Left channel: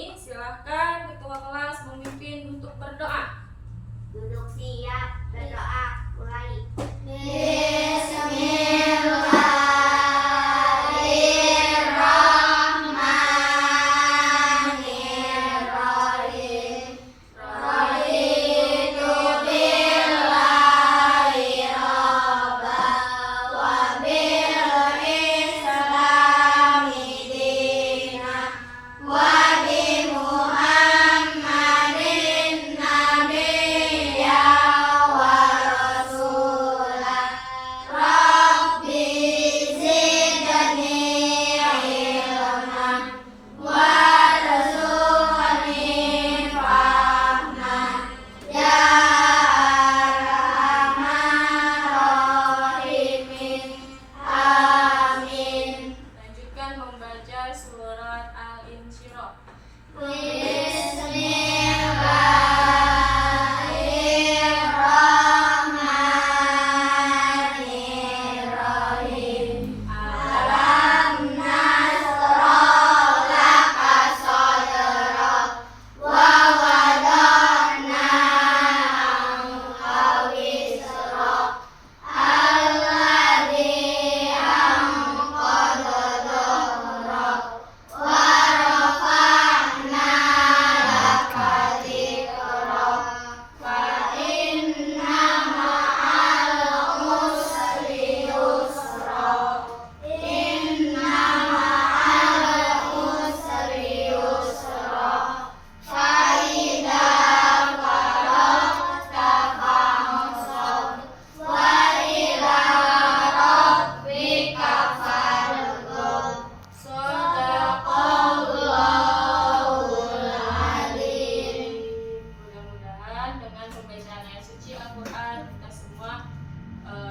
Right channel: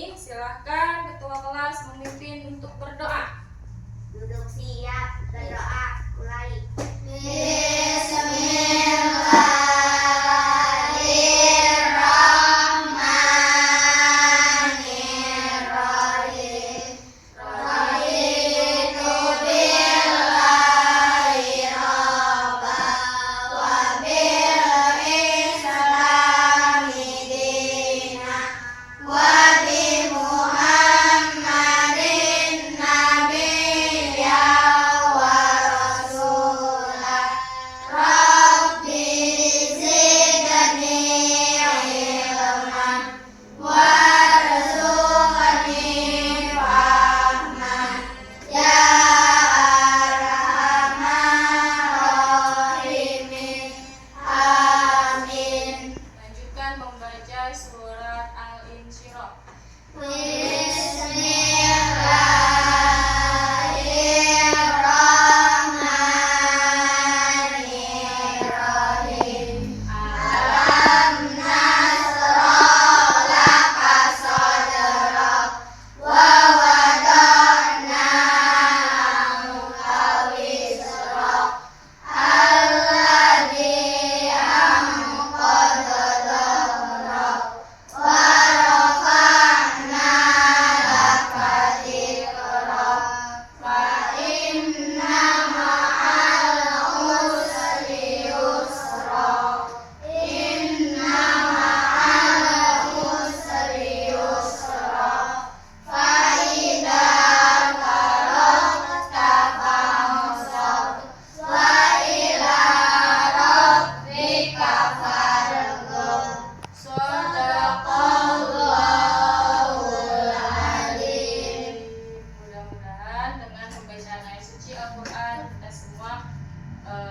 ini silahkan ketua kelas memimpin untuk berdoa. Duduk siap, berdoa, mulai. Surat Al-Insyirah. Bismillahirrahmanirrahim. Alam nasrah laka sadrak wa wada'na anka wizrak alladzi anqadha dhahrak wa rafa'na laka dzikrak fa inna ma'al usri yusra inna ma'al usri yusra fa idza faragta fansab wa ila rabbika farghab. Shadaqallahul alim. Mudah-mudahan dengan pembacaan ayat suci Al-Quran kita semua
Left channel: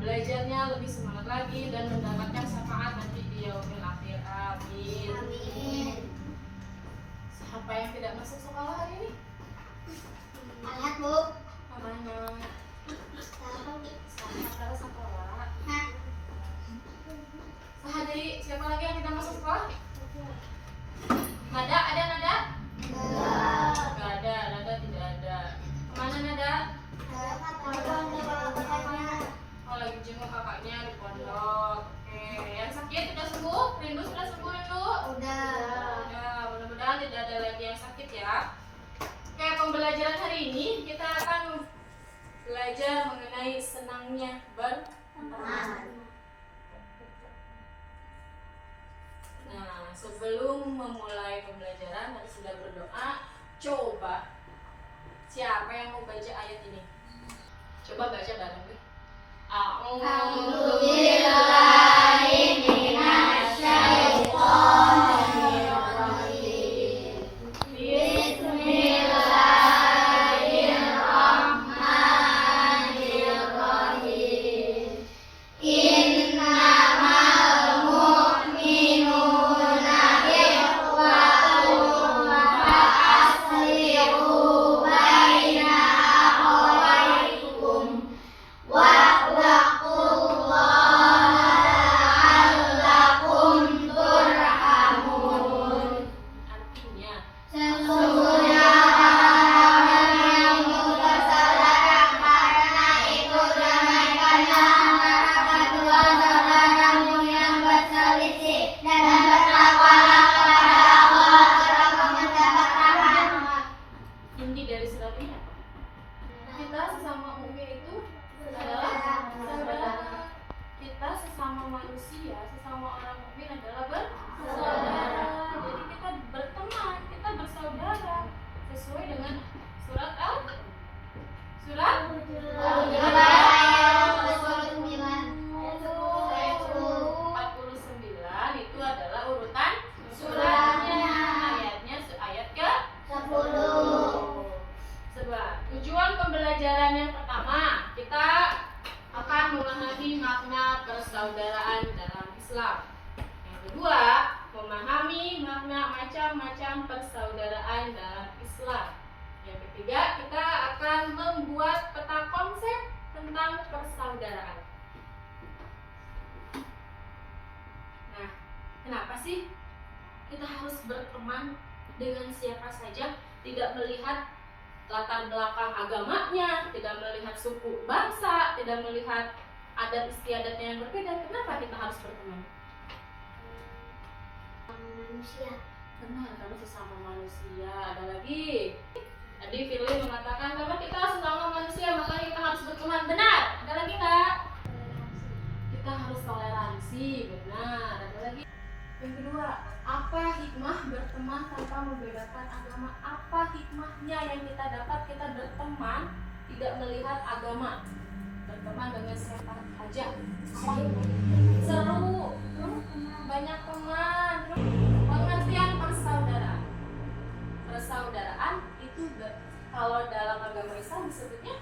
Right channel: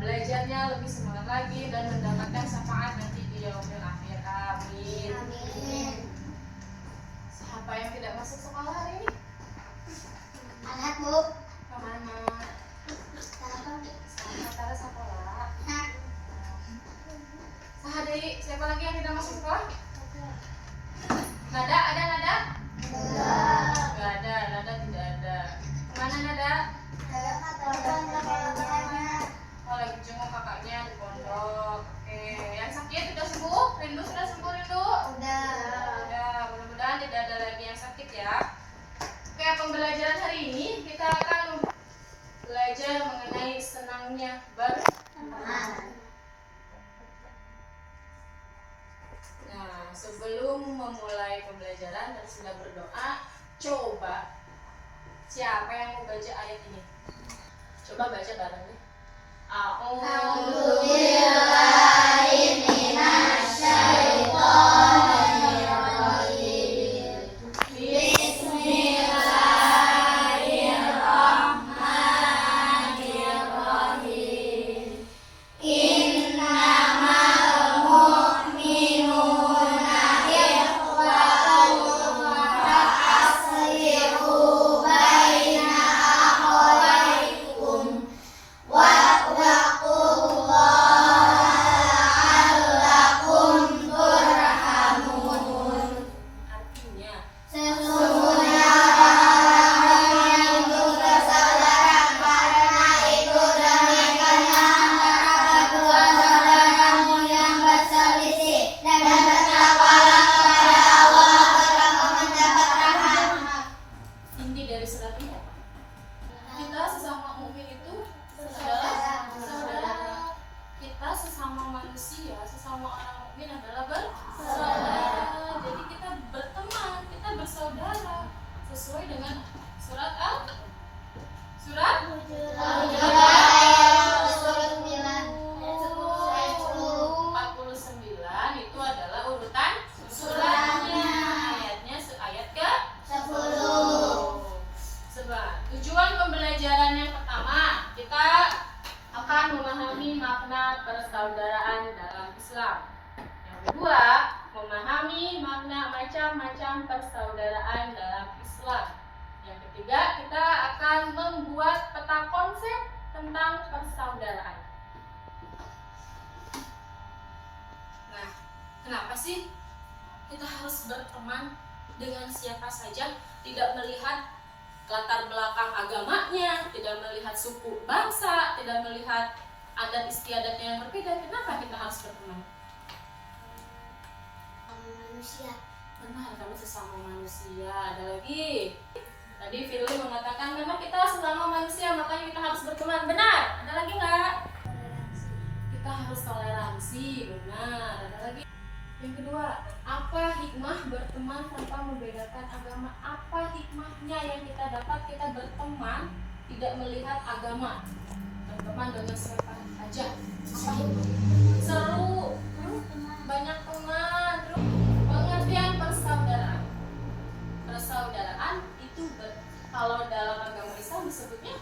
belajarnya lebih semangat lagi dan mendapatkan syafaat nanti di yaumil akhir. Amin. Amin. Siapa yang tidak masuk sekolah hari ini? Alat, Bu. Mana? Sekarang antara sekolah. Sehari siapa lagi yang tidak masuk sekolah? Nada, ada Nada? Nggak ada, Nada tidak ada. Kemana Nada? Oh, lagi jenguk kakaknya di pondok. Oke, yang sakit sudah sembuh? Rindu sudah sembuh, Rindu? Udah. Ya, mudah-mudahan tidak ada lagi yang sakit ya. Oke, pembelajaran hari ini kita akan belajar mengenai senangnya berteman. Nah, sebelum memulai pembelajaran dan sudah berdoa, coba siapa yang mau baca ayat ini? Coba baca bareng gue. A'udzubillahi minasyaitonirrajim. Bismillahirrahmanirrahim. Innamal mu'minuna ikhwatun fa'aslihu baina akhawaykum wattaqullaha la'allakum turhamun. Artinya, Sesungguhnya orang-orang yang bersaudara karena itu damaikanlah antara kedua saudaramu yang berselisih dan bertakwalah kepada Allah agar kamu mendapat rahmat. inti dari surat ini apa? Kita sesama mukmin itu adalah saudara. Kita sesama manusia, sesama orang mukmin adalah bersaudara. Jadi kita berteman, kita bersaudara sesuai dengan surat surat Surat 9 ayat 49 itu adalah urutan suratnya. Ayatnya ayat ke 10. Sebelah. Tujuan pembelajaran yang pertama, kita akan memahami makna persaudaraan dalam Islam. Yang kedua, memahami makna macam-macam persaudaraan dalam Islam. Yang ketiga, kita akan membuat peta konsep tentang persaudaraan. Nah, kenapa sih kita harus berteman dengan siapa saja, tidak melihat latar belakang agamanya, tidak melihat suku bangsa, tidak melihat adat istiadatnya yang berbeda. Kenapa kita harus berteman? Manusia. Benar, karena sesama manusia. Ada lagi. Tadi Firly mengatakan memang kita sesama manusia, makanya kita harus berteman. Benar. Ada lagi nggak? Kita harus toleransi. Benar. Ada lagi. Yang kedua, apa hikmah berteman tanpa membedakan agama? Apa hikmahnya yang kita dapat kita berteman tidak melihat agama? Berteman dengan siapa aja. Apa hikmahnya? Seru, banyak teman, terus pengertian persaudaraan. Persaudaraan itu kalau dalam agama Islam disebutnya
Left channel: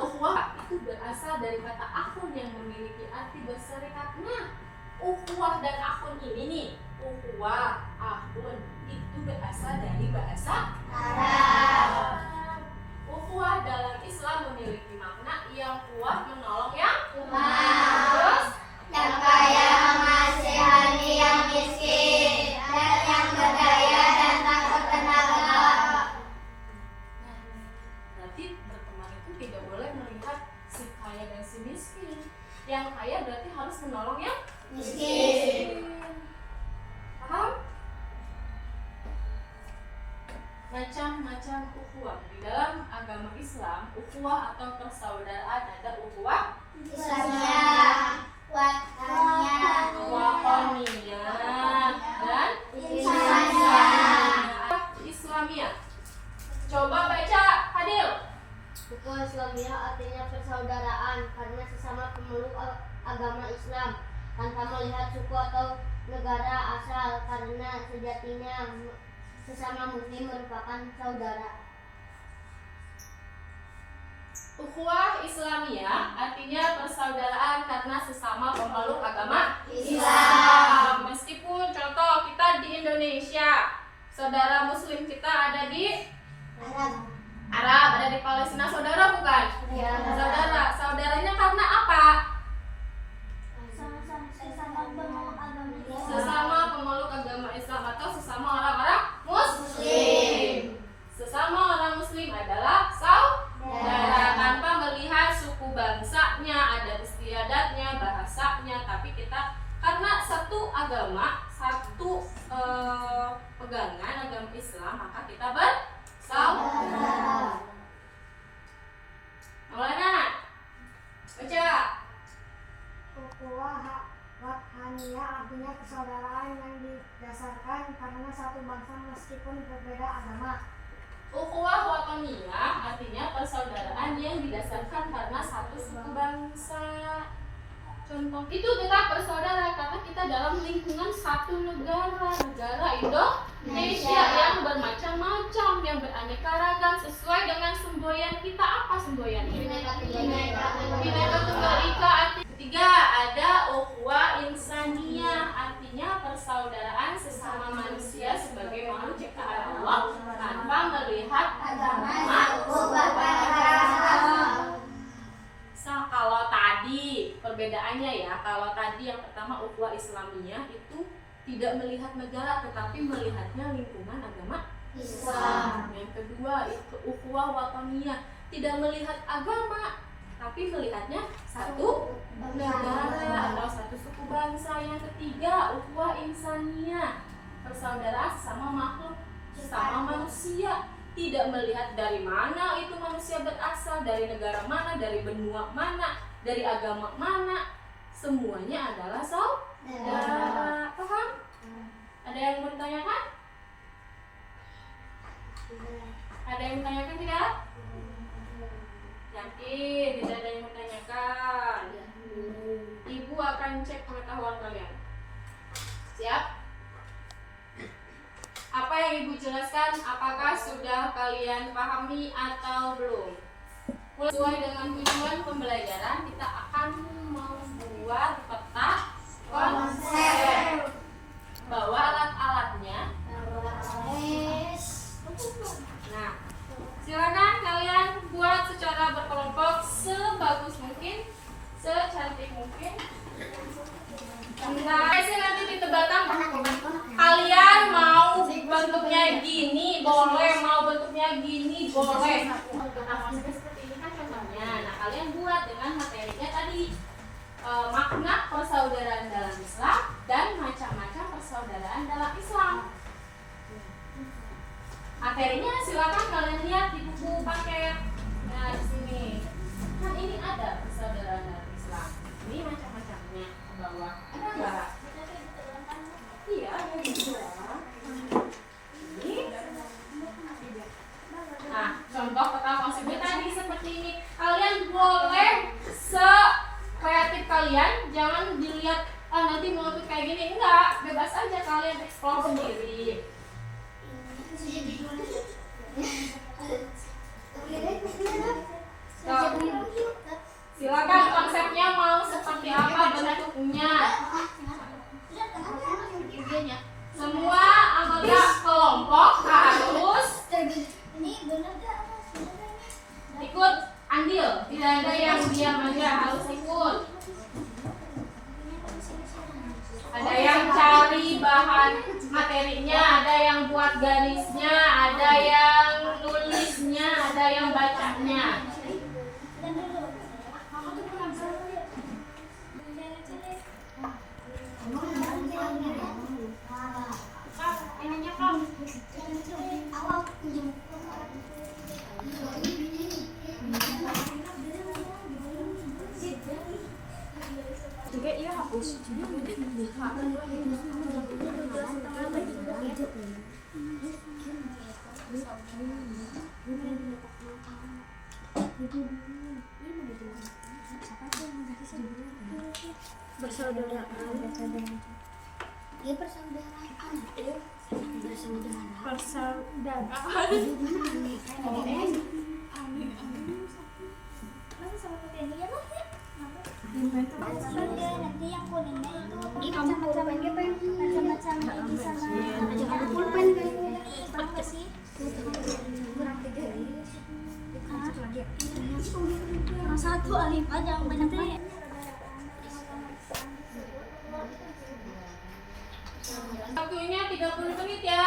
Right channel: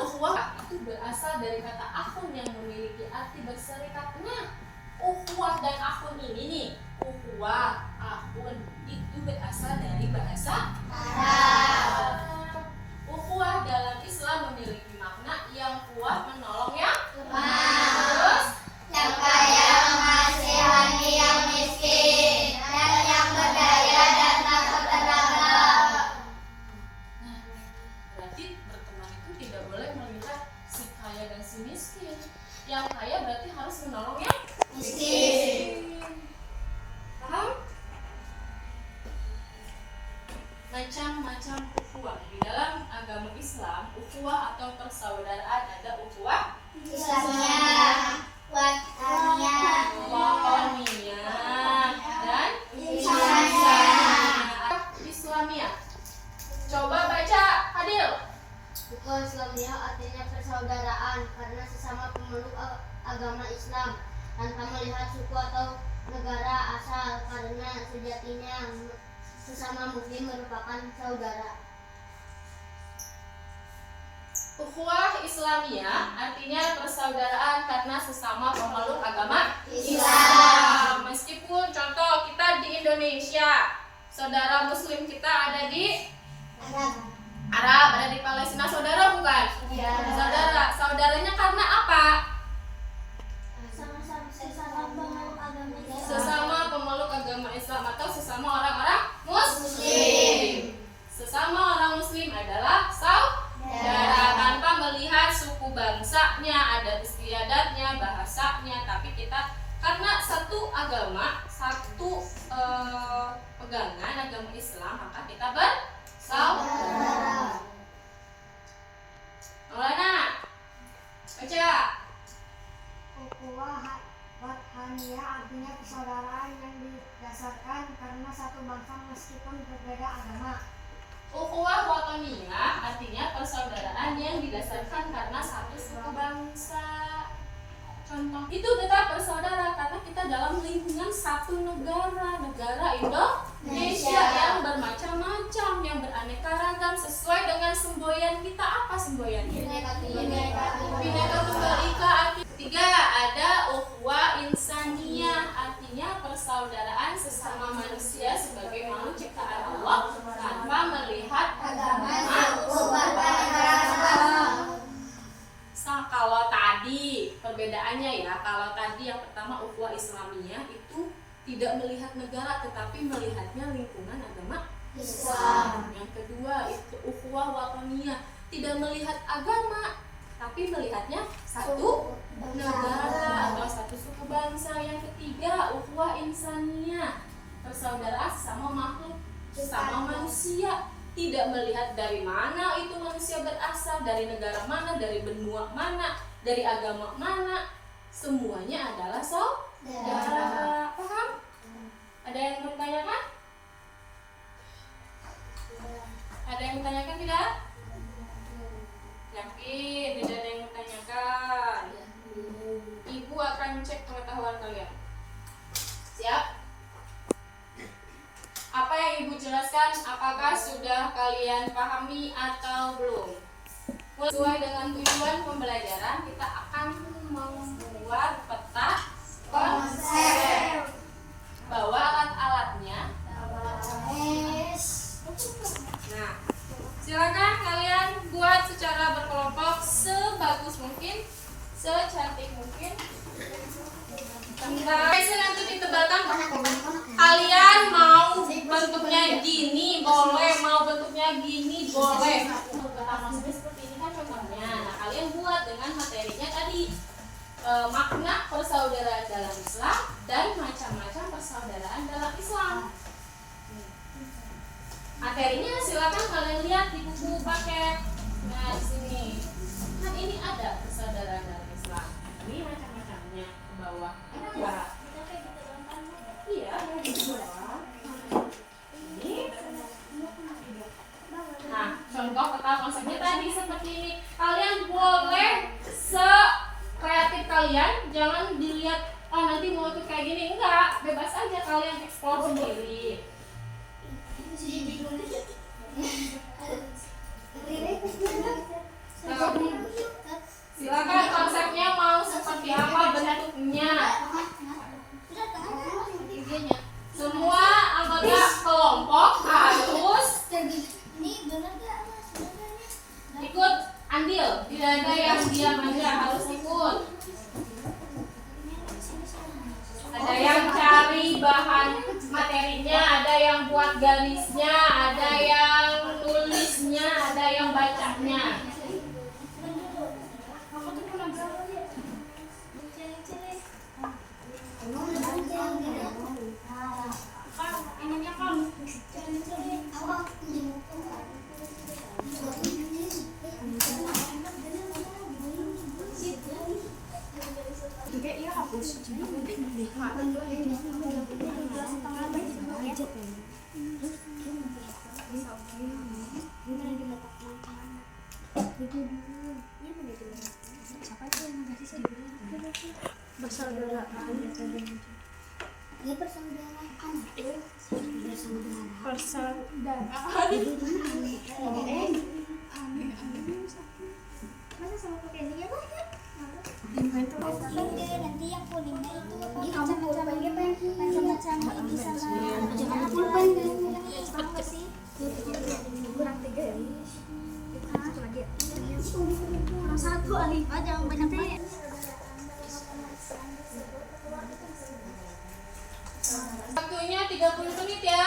ukhuwah. Itu berasal dari kata akhun yang memiliki arti berserikatnya. Ukhuwah dan akhun ini nih, ukhuwah, akhun itu berasal dari bahasa Arab. Ukhuwah dalam Islam memiliki makna yang kuat menolong yang lemah. Terus Yang kaya mengasihani yang miskin, dan yang berdaya dan takut tenaga. nah, berarti berteman itu tidak boleh melihat si kaya dan si miskin. Yang kaya berarti harus menolong yang Miskin. Paham? Macam-macam ukhuwah. Di dalam agama Islam, ukhuwah atau persaudaraan ada ukhuwah Islamnya, watannya, watoniyah dan Islamiyah. Islamiyah. Coba baca, Fadil. Buku Islamiyah artinya persaudaraan karena sesama pemeluk agama Islam tanpa melihat suku atau negara asal, karena sejatinya sesama muslim merupakan saudara. Ukhuwah Islamiyah artinya persaudaraan karena sesama pemeluk agama Islam. Meskipun contoh kita di Indonesia, saudara muslim kita ada di Arab, ada di Palestina, saudara bukan? Ya. Saudaranya karena apa? Sesama pemeluk agama Islam. Sesama pemeluk agama Islam atau sesama orang-orang muslim. Sesama orang muslim adalah saudara tanpa melihat suku bangsanya, adat istiadatnya, bahasanya, tapi kita karena satu agama, satu pegangan agama Islam, maka kita bersaudara. Maulana, baca. Ukhuwah Wathaniyah artinya persaudaraan yang didasarkan karena satu bangsa meskipun berbeda agama. Ukhuwah watoniyah artinya persaudaraan yang didasarkan karena satu suku bangsa. Contoh itu tetap bersaudara karena kita dalam lingkungan satu negara Indonesia yang bermacam-macam, yang beraneka ragam sesuai dengan semboyan kita. Apa semboyannya? Bineka Tunggal Ika. Ketiga ada ukhuwah insaniyah artinya persaudaraan sesama manusia sebagai makhluk ciptaan Allah tanpa melihat agama. Kalau tadi perbedaannya ya, kalau tadi yang pertama ukhuwah Islamiyah itu tidak melihat negara tetapi melihatnya lingkungan agama Islam. Yang kedua itu ukhuwah watoniyah, tidak melihat agama tapi melihatnya satu negara atau satu suku bangsa. Yang ketiga ukhuwah insaniyah, persaudaraan sesama makhluk, sesama manusia, tidak melihat dari mana itu manusia berasal, dari negara mana, dari benua mana, dari agama mana, semuanya adalah saudara. Paham? Ada yang bertanyakan? Ada yang bertanyakan tidak? Yakin tidak ada yang bertanyakan? Ibu akan cek pengetahuan kalian. Siap? Apa yang Ibu jelaskan, apakah sudah kalian pahami atau belum? Sesuai dengan tujuan pembelajaran, kita akan membuat peta konsep. Bawa alat-alatnya. Nah, silakan kalian buat secara berkelompok sebagus mungkin, secantik mungkin. Nanti ditebalkan. Kalian mau bentuknya gini boleh, mau bentuknya gini boleh. Kita maksudnya seperti ini kan contohnya. Nah, kalian buat dengan materinya tadi, makna persaudaraan dalam Islam dan macam-macam persaudaraan dalam Islam. Materinya silakan kalian lihat di buku paket. Nah, di sini kan ini ada persaudaraan dalam Islam. Ini macam-macamnya ke bawah. Ada nggak? Iya, ada di bawah. Ini. Nah, contoh kata konsepnya tadi seperti ini. Kalian boleh se-kreatif kalian, jangan dilihat nanti mau ikut kayak gini, enggak, bebas aja kalian eksplor sendiri. Silakan konsepnya mau seperti apa bentuknya. Semua anggota kelompok harus ikut andil, tidak ada yang diam aja, harus ikut. Ada yang cari bahan materinya, ada yang buat garisnya, ada yang nulisnya, ada yang bacanya. Nanti yang kuningnya itu macam-macam ini sama pulpen apa sih? Satu alif aja yang banyak-banyak. Waktunya 30 menit ya.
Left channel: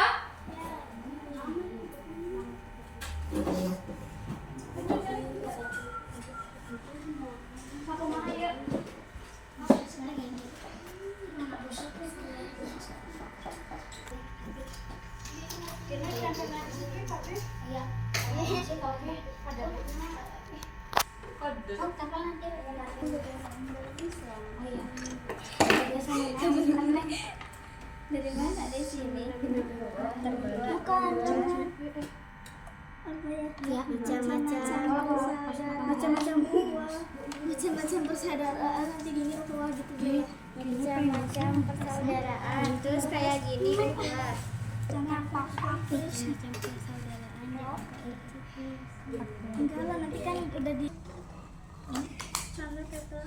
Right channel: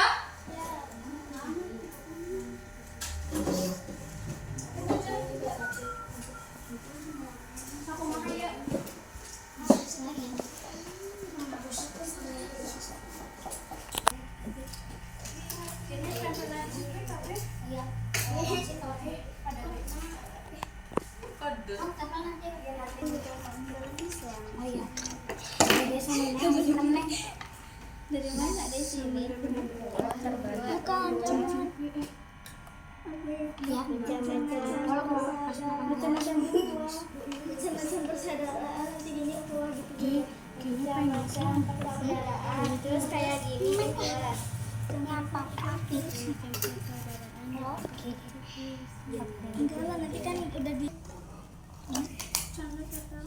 Dari mana ada sini? Bukan. Ya, macam-macam persaudaraan nanti gini gitu. Macam persaudaraan. Terus kayak gini bebas. Kenapa? Enggak lah, nanti kan udah di sama kata.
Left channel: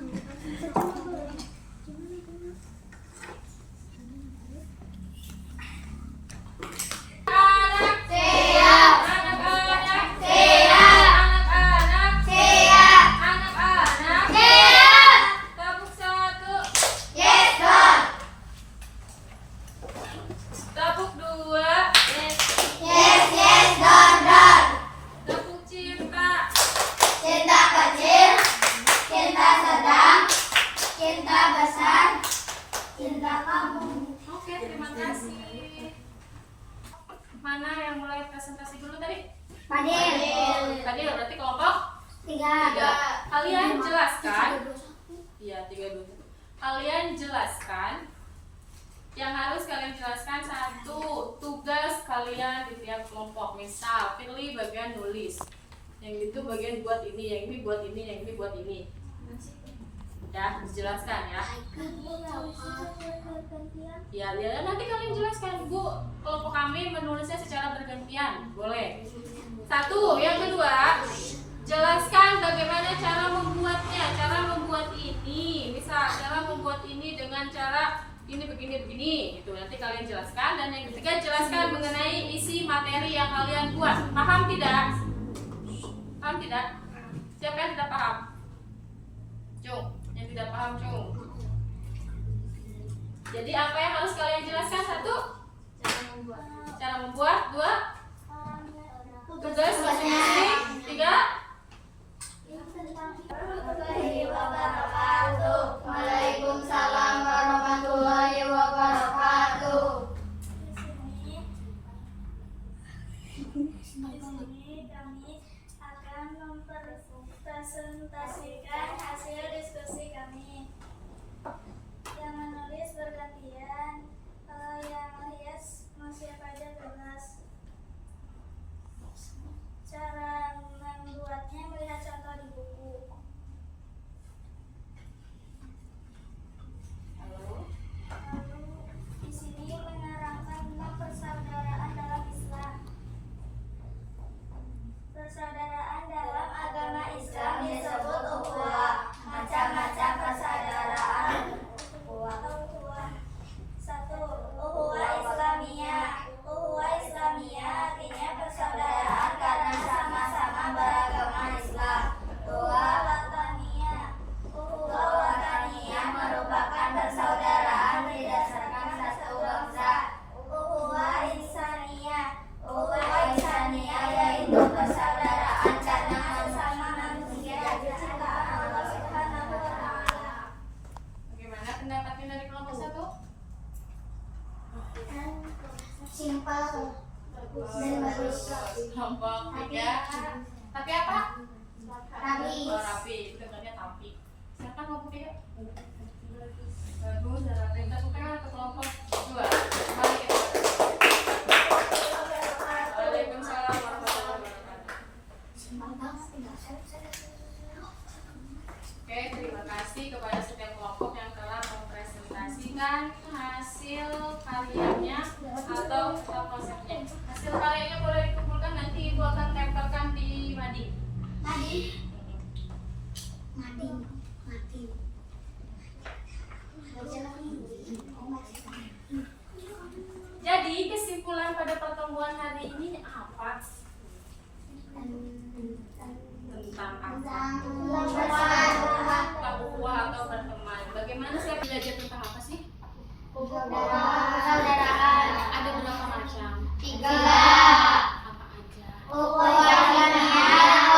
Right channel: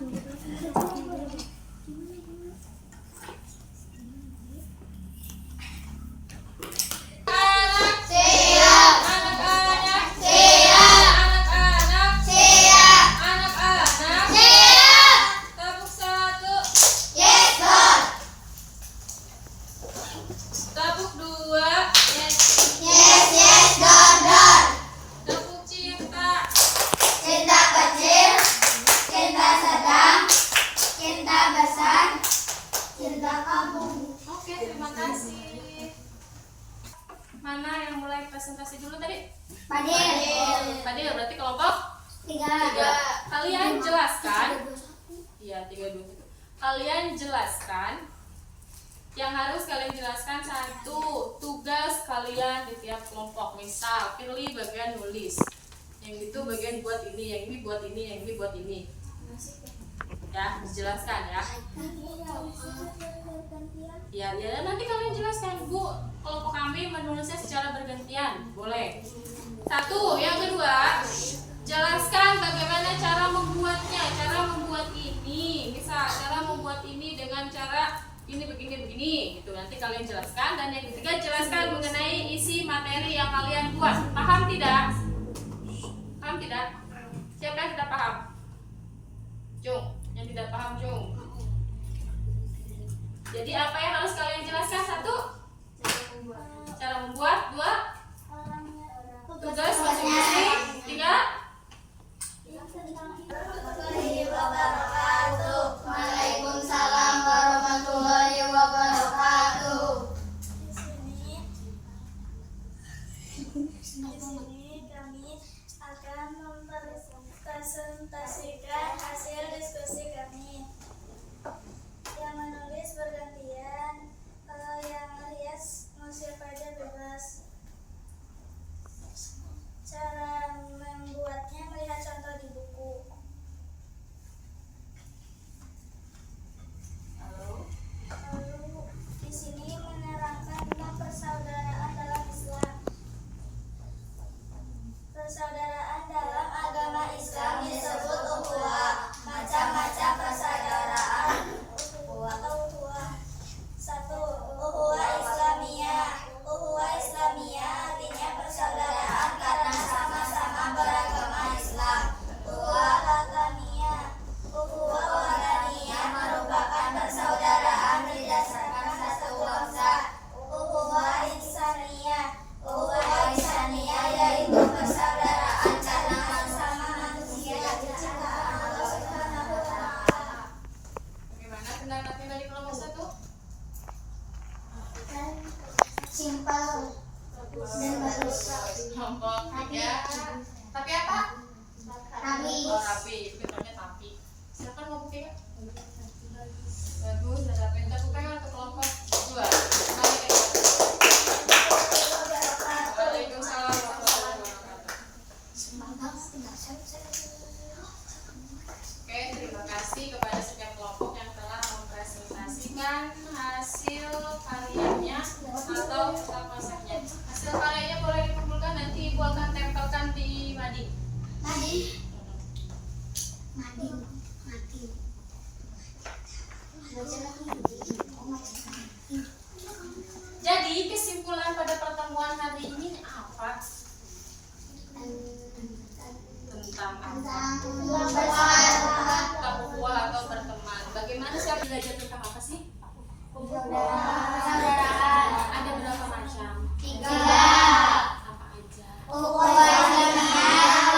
Mana yang mulai presentasi dulu tadi? Padil berarti kelompok 3. Kalian jelaskan. Iya, 3-2. Kalian jelaskan. Yang harus kalian jelaskan satu, tugas kalian di tiap kelompok. Misal, pilih bagian nulis. Yang itu bagian buat ini, yang ini buat ini, yang ini buat ini. Ya, dijelaskan ya. Ya, nanti kalian jelaskan, Bu. Kelompok kami menulisnya secara bergantian, boleh. Satu, yang kedua, jelaskan bagaimana cara membuatnya, cara membuat ini. Misal, cara membuat ini dengan cara ini begini, gitu. Nanti kalian jelaskan. Dan yang ketiga, jelaskan mengenai isi materi yang kalian buat. Paham tidak? Paham tidak? Siapa yang tidak paham? Cung, yang tidak paham Cung. Jadi apa yang harus kalian jelaskan? Satu, cara membuat. membuat 2 tugas masing-masing. 3. Waalaikumsalam warahmatullahi wabarakatuh. Di sini kami akan mempresentasikan hasil diskusi kami. Yang menulis bergantian, yang melihat mau siapa aja bebas. Cara membuatnya melihat contoh di buku. Lalu di sini menerangkan tentang persaudaraan dalam Islam. Persaudaraan dalam agama Islam disebut ukhuwah. Macam-macam persaudaraan atau ukhuwah. 1. Ukhuwah Islamiyah. Ukhuwah Islamiyah artinya persaudaraan karena sama-sama beragama Islam. 2. Wataniyah. Ukhuwah wataniyah merupakan persaudaraan didasarkan satu bangsa. Ukhuwah Ihsaniyah. Ukhuwah Ihsaniyah yaitu persaudaraan karena sesama manusia diciptakan Allah Subhanahu wa taala. Bagaimana pendapatnya dari kelompok 1? Simpel dan bagus. Kelompok 3. Tapi apa? Rapi. Oh, rapi. Bentuknya tapi. Silakan kelompok 3. Bagus dan rapi. Tepuk tangan untuk kelompok 2. Mari kita. Waalaikumsalam warahmatullahi wabarakatuh. Oke, terima kasih kepada setiap kelompok yang telah mempresentasikan hasil karyanya atau konsepnya. Hasil karyanya boleh dikumpulkan, nanti Ibu akan tempelkan di mading. Jadi kesimpulan pada pertemuan hari ini apa? Tentang apa? Tentang ukhuwah atau berteman. Bagaimana sih belajar tentang apa sih? Persaudaraan. Ada berapa macam? 3. Apa aja? Ukhuwah Islamiyah,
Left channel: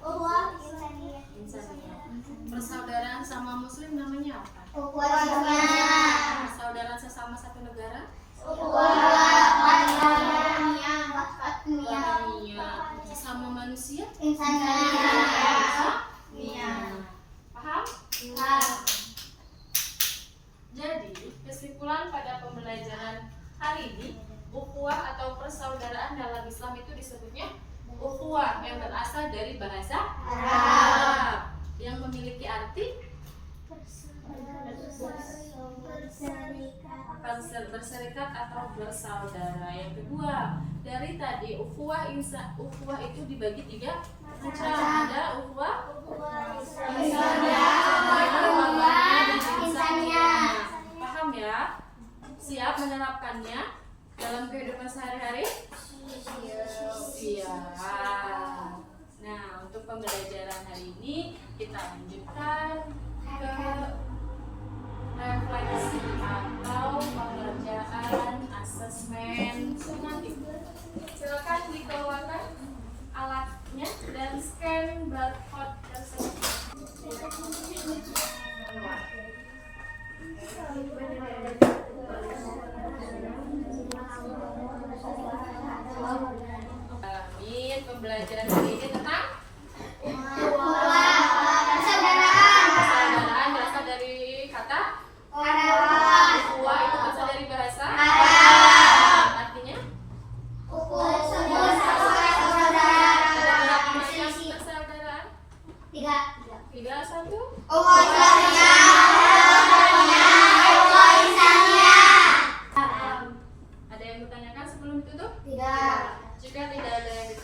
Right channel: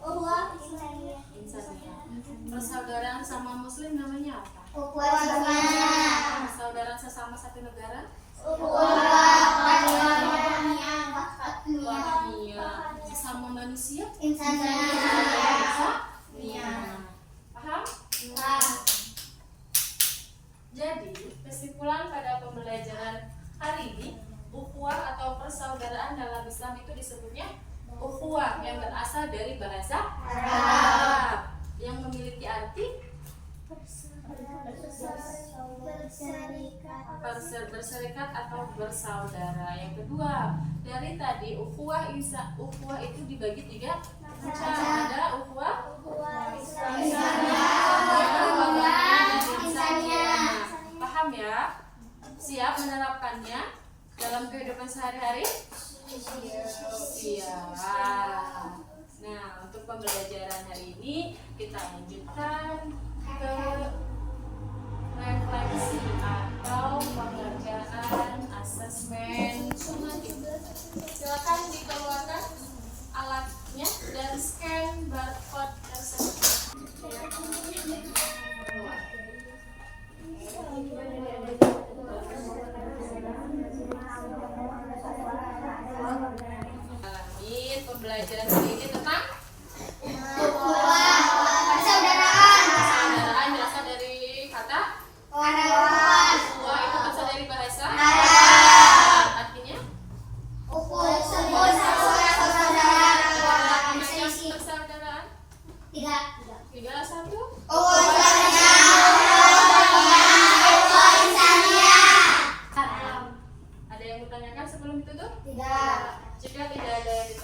ukhuwah Ihsaniyah. Insaniyah. Persaudaraan sama muslim namanya apa? Ukhuwah Islamiyah. Persaudaraan sesama satu negara? Ukhuwah Wahamiyah. Sesama manusia? Ihsaniyah. Paham? Jadi kesimpulan pada pembelajaran hari ini, ukhuwah atau persaudaraan dalam Islam itu disebutnya ukhuwah yang berasal dari bahasa Arab yang memiliki arti berserikat atau bersaudara. Yang kedua, dari tadi ukhuwah itu dibagi 3 macam. Ada ukhuwah Ihsaniyah. Paham ya? Siap menerapkannya dalam kehidupan sehari-hari? Siap. Nah, untuk pembelajaran hari ini kita lanjutkan ke refleksi atau pengerjaan asesmen sumatif. Silakan dikeluarkan alatnya dan scan barcode tersebut. Alamin pembelajaran hari ini tentang persaudaraan berasal dari kata ukhuwah itu berasal dari bahasa artinya persaudaraan 3, 1. Ada yang bertanyakan sebelum ditutup? Jika tidak ada yang